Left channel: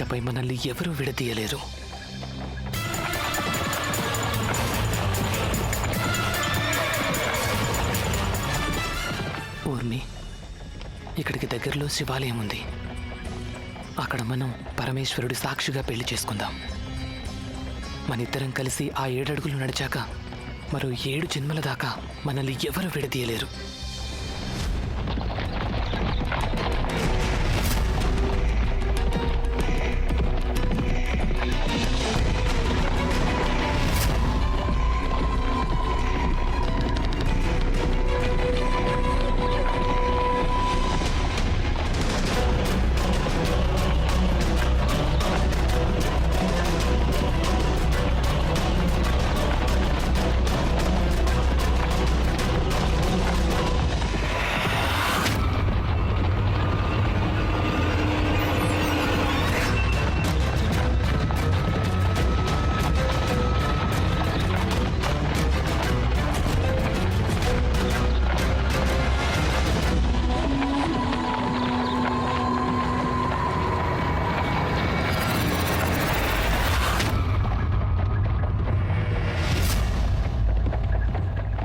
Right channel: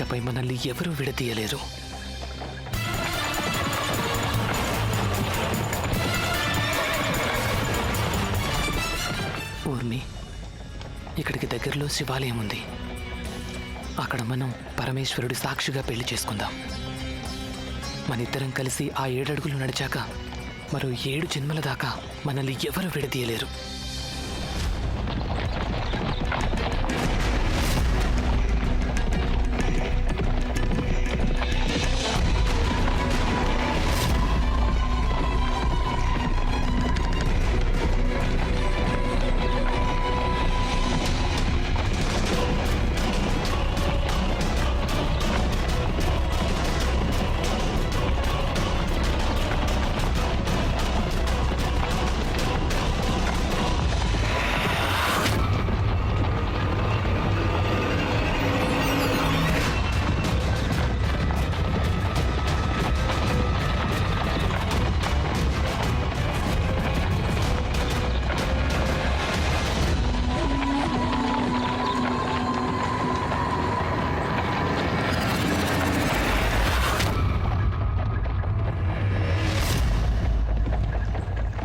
ఇకపై మనల్ని ఎవరూ విడదీయలేరు. ఊర్మి, ఇక్కడికి దగ్గరలో శివాలయం ఉంది. అక్కడ మనం పరమేశ్వరుడి సాక్షిగా పెళ్లి చేసుకుందాం. మనిద్దరం కలిసి ఆ 7 అడుగులు నడిచాక మరో 7 జన్మల దాకా మనల్ని ఎవరు విడదీయలేరు.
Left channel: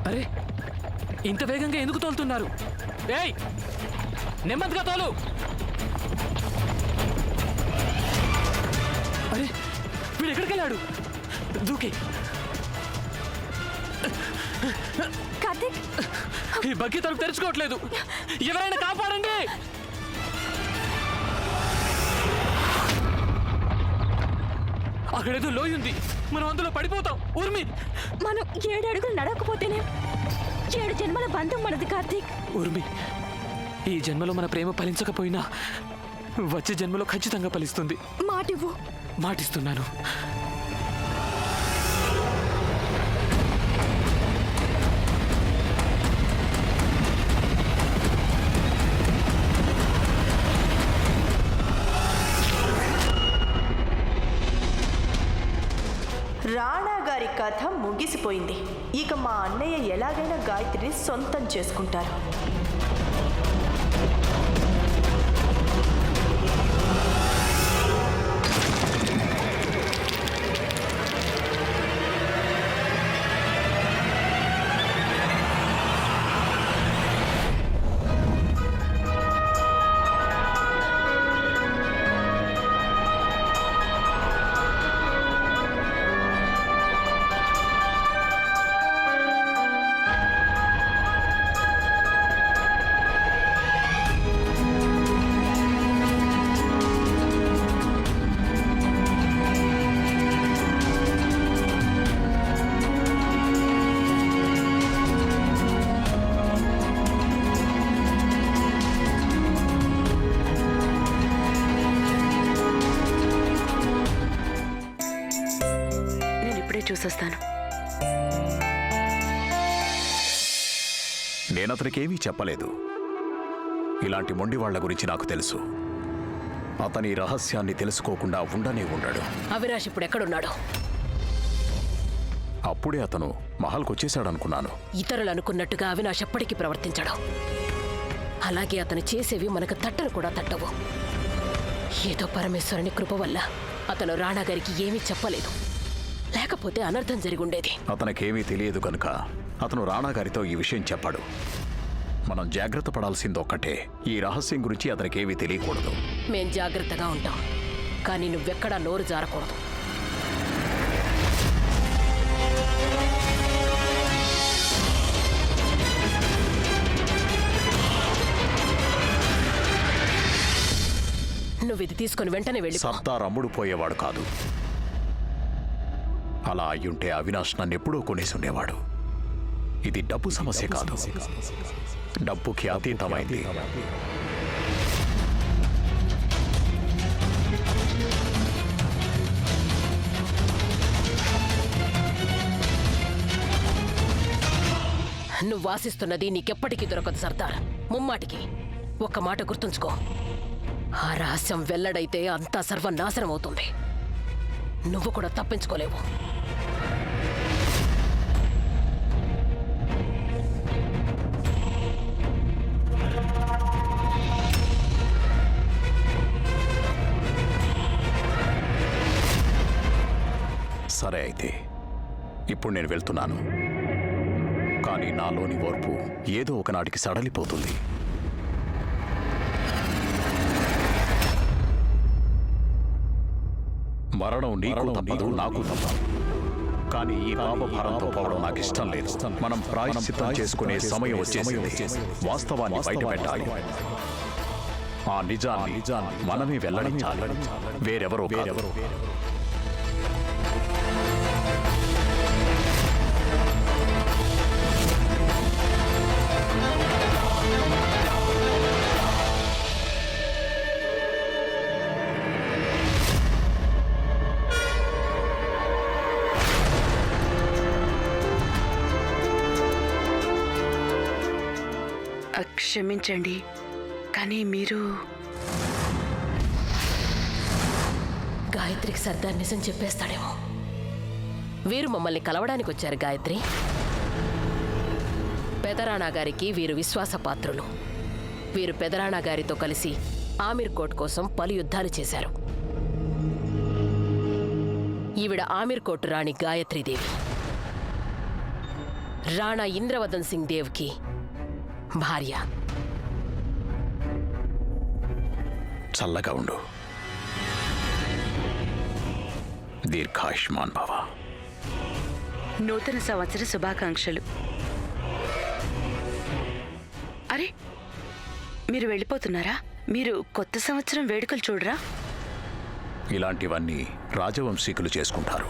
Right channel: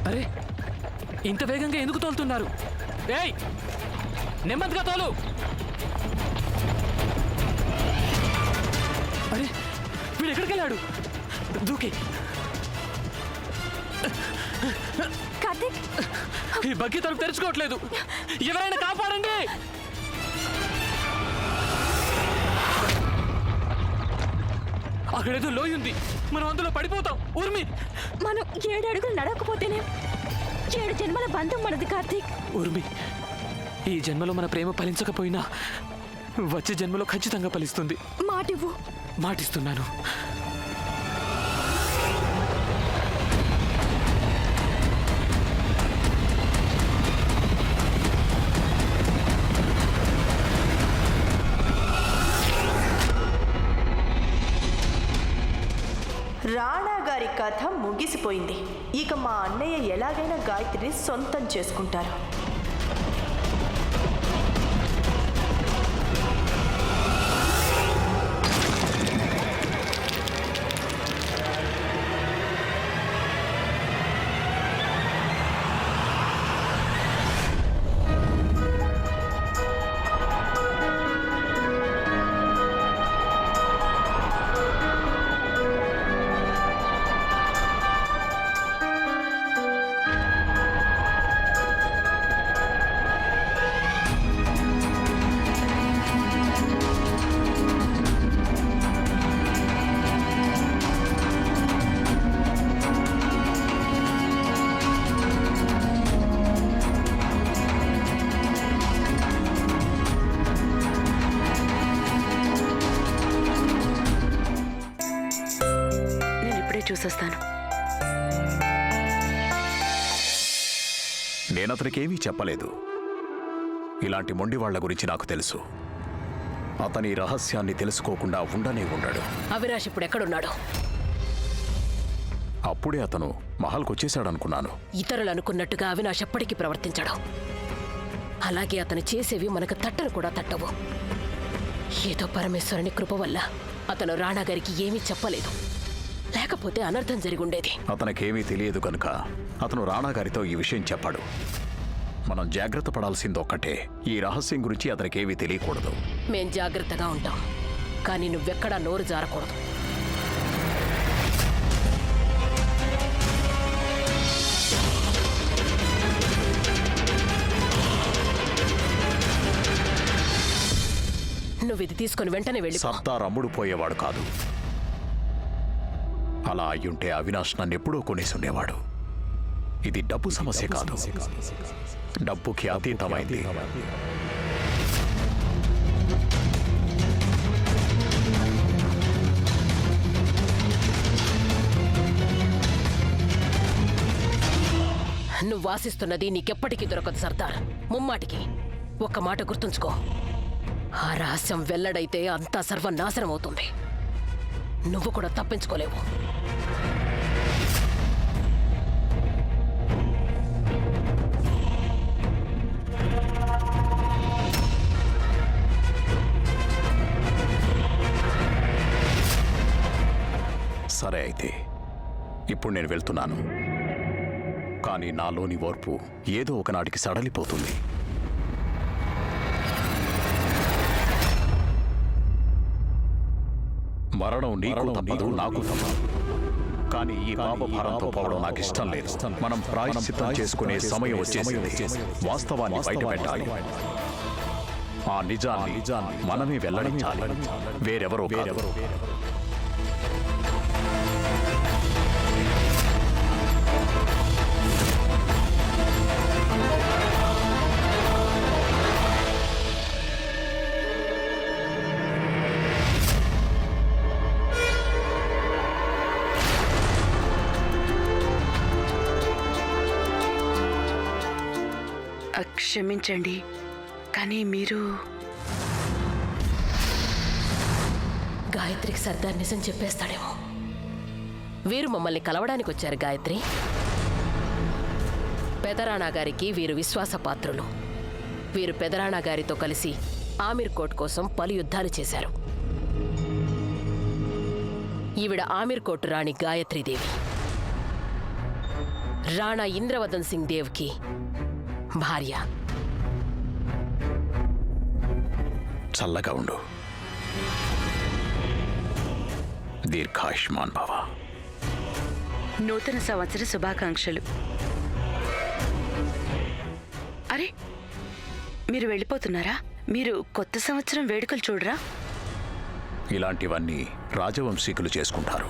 అరే, ఇంత వేగంగా ఎందుకు తోలుతున్నారు? ఏయ్, నెమ్మదిగా తోలు. అరే, వీడు ఎక్కడికి వెళ్ళాడు? దూకి. కార్తీక్, ఈ బగ్గి తలుపు తెరుచుకోవట్లేదు. ఎవరైనా కాపాడండి. అక్కడేదో లోయ ఉంది, మనం అందులో పడిపోతాం. ఊర్మి, మనం 7 అడుగులు నడవకపోతేనే 7 జన్మల బంధం మనది. కార్తీక్, ఊర్మి, ఈ జన్మలో మన ప్రేమ ఫలించకపోయినా వచ్చే జన్మలో ఖచ్చితంగా ఫలిస్తుంది. మాటివ్వు. మాటిస్తున్నాను. రాణా గారి కథ ముగిసిపోయింది. ఇక మా అన్నయ్య ఎలాగైనా గాయత్రిని సొంతం చేసుకుంటారు. చూసొస్తాను. నేనతనికేమీ చెప్పలేదు. ఇలాంటి మొండి వాళ్ల గురించి నాకు తెలుసు. అతని రహస్యాన్ని తెలుసుకోకుండా ఉండనే ఉండడు. అవినాష్ ఇప్పుడు ఎక్కడున్నాడు? అప్పుడే అతను మహల్కొచ్చేశాడనుకున్నాను. ఇతరులు అనుకున్నట్టుగా అవినాష్ ఎప్పటికీ ప్రవర్తించడు. అలాగే అతను చేసేవి మనకు తట్టను కూడా తట్టవు. ఏదో పరమేశ్వరుని కృప వల్ల అతను రాణా గారికి ఏమీ చెప్పలేదు. లేకపోతే అనర్థం జరిగుండేది. అతనికేమీ తెలియదు కనుక అతను రాణాగారితో ఈ విషయం చెప్పాడు. మనం జాగ్రత్త పడాల్సిందొక్కటే, ఈ రహస్యం గురించి అతనికేమీ తెలియకూడదు. మేం జాగ్రత్తగా ఉంటాం, కానీ నువ్వెక్కడా నోరు జారకూడదు. నువ్వు ఇది తీసుకుని వెంటనే వెళ్ళి. సర్దార్ అమ్ముడు పోయేవాడు కాదు. అలా అయ్యుంటే అవినాష్ నన్నెప్పుడూ కొనేసి ఉండేవాడు. ఇది డబ్బు సమస్య కాదు, డబ్బుకి అతీతమైంది. నువ్వు ఆశిస్తున్నది నీకెప్పటికీ దొరకదు సర్దార్. ముమ్మాటికి ఒక్క మాట గుర్తుంచుకో, ఆ రహస్యం వెల్లడైతే అంతా సర్వనాశనం అవుతుంది. నువ్వు కూడా తప్పించుకోలేవు. సరే అయితే ఇప్పుడు నేను వెళ్తున్నాను. కానీ నాలోని ఓర్పు ఏదో ఒకనాటికి సడలిపోతుంది. మరణం నీకు తప్పదు, నాకు తప్పదు. కానీ ఈ పాప భారంతో పోవడం నాకు ఇష్టం లేదు. మనం ప్రాయశ్చిత్తం చేసుకునే సమయం వచ్చేసింది. వాస్తవాన్ని బయటపెట్టాలి. ఆ నిజాన్ని మనమే వెల్లడించాలి, వేరెవరో కాదు. క్షమించండి, కానీ మీరు గాయత్రికి సర్దార్ నిజం చెప్పేస్తాడేమో. వీరు మమ్మల్ని కలవడానికి వచ్చారు గాయత్రి. పెదరాణా గారికి వీరు విశ్వాసపాత్రులు. వీరు పెదరాణా గారితో కలిసి ఆమీర్ కోట్ కోసం పలు యుద్ధాలు చేశారు. ఈవిడ ఆమీర్ కోట్ రాణి గాయత్రీదేవి, రాణా ఇంద్రవదన్ సింగ్ దేవ్కి భార్య. చల్లగా ఉండు. దీర్ఘాయుష్మాన్ భవ. నూతన సంవత్సర శుభాకాంక్షలు. అరే, మీరు వెళ్ళిపోతున్నారా? మీరు కొత్త సంవత్సరం వేడుకలు చూడరా? ఇలాంటివన్నీ రాజవంశీకులు చేసుకుంటారు,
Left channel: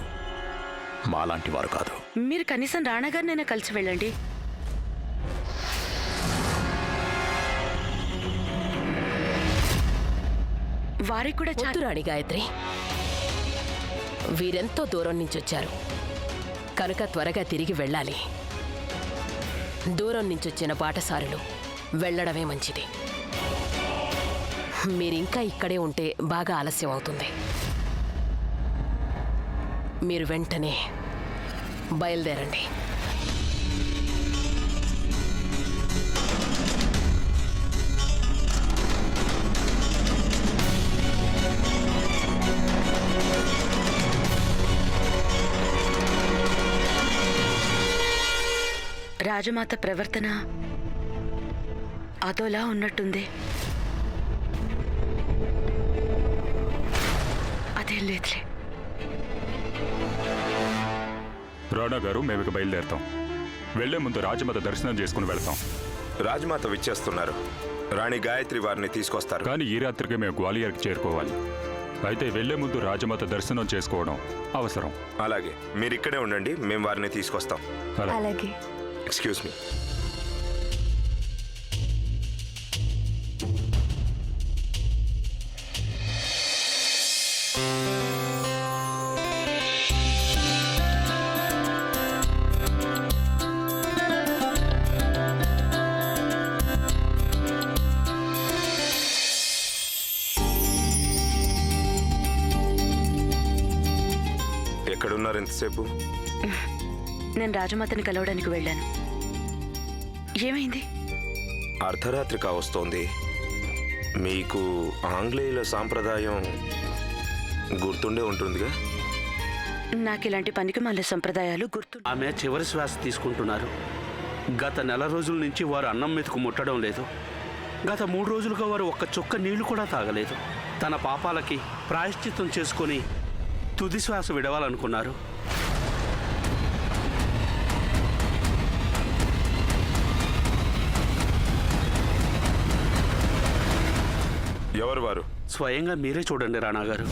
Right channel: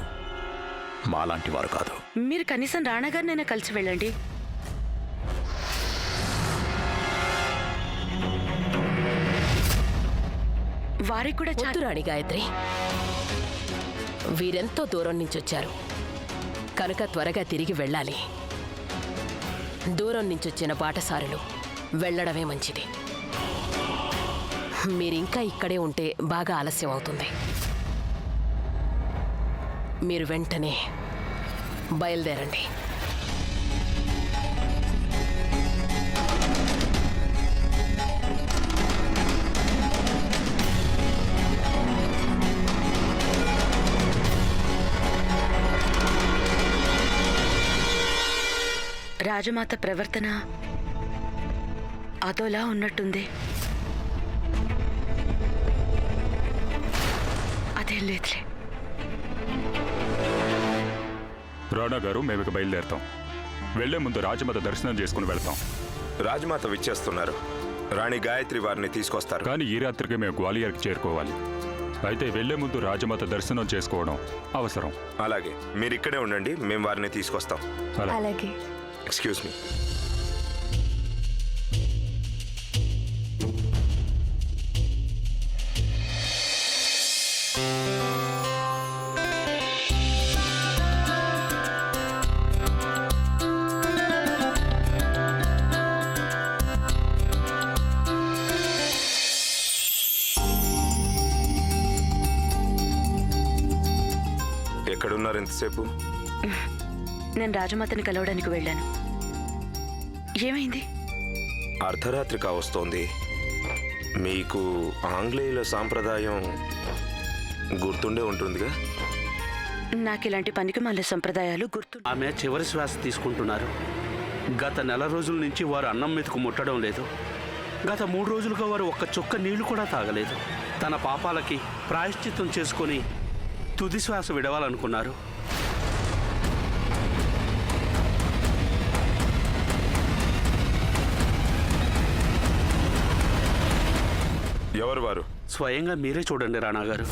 మాలాంటి వారు కాదు. మీరు కనీసం రాణాగారినైనా కలిసి వెళ్ళండి. వారికి కూడా వద్దు రాణి గాయత్రి. వీరెంతో దూరం నుంచి వచ్చారు కనుక త్వరగా తిరిగి వెళ్ళాలి. దూరం నుంచి వచ్చిన బాటసారులు వెళ్ళడమే మంచిది. మీరింకా ఇక్కడే ఉంటే బాగా ఆలస్యం అవుతుంది. మీరు వెంటనే బయలుదేరండి. రాజమాత ప్రవర్తన అదోలా ఉన్నట్టుంది. అదేం లేదులే. రాణా గారు, మేము ఇక బయలుదేరుతాం. వెళ్లే ముందు రాజమాత దర్శనం చేసుకుని వెళ్తాం. రాజమాత విచ్చేస్తున్నారు. రాణి గాయత్రి వారిని తీసుకొస్తారు. కానీ ఈ రాత్రికి మేము గ్వాలియర్కి చేరుకోవాలి. అయితే వెళ్లే ముందు రాజమాత దర్శనం చేసుకోవడం అవసరం. అలాగే, మీరు ఇక్కడే ఉండండి, మేము వారిని తీసుకొస్తాం. అలాగే. Excuse me. ఎక్కడున్నారు ఎంతసేపు? నేను రాజమాతని కలవడానికి వెళ్ళాను. ఏమైంది? అర్ధరాత్రి కావస్తోంది. మీకు ఆంగ్లేయుల సాంప్రదాయం గుర్తుండే ఉంటుందిగా. నాకు ఇలాంటి పనికిమాల సంప్రదాయాలు గుర్తు. ఆమె చివరి శ్వాస తీసుకుంటున్నారు. గత నెల రోజుల నుంచి వారు అన్నం మెతుకు ముట్టడం లేదు. గత 3 రోజులుగా వారు ఒక్క చుక్క నీళ్లు కూడా తాగలేదు. తన పాపాలకి ప్రాయశ్చిత్తం చేసుకొని తుది శ్వాస విడవాలనుకున్నారు. ఎవరు వారు? స్వయంగా మీరే చూడండి రాణా గారు.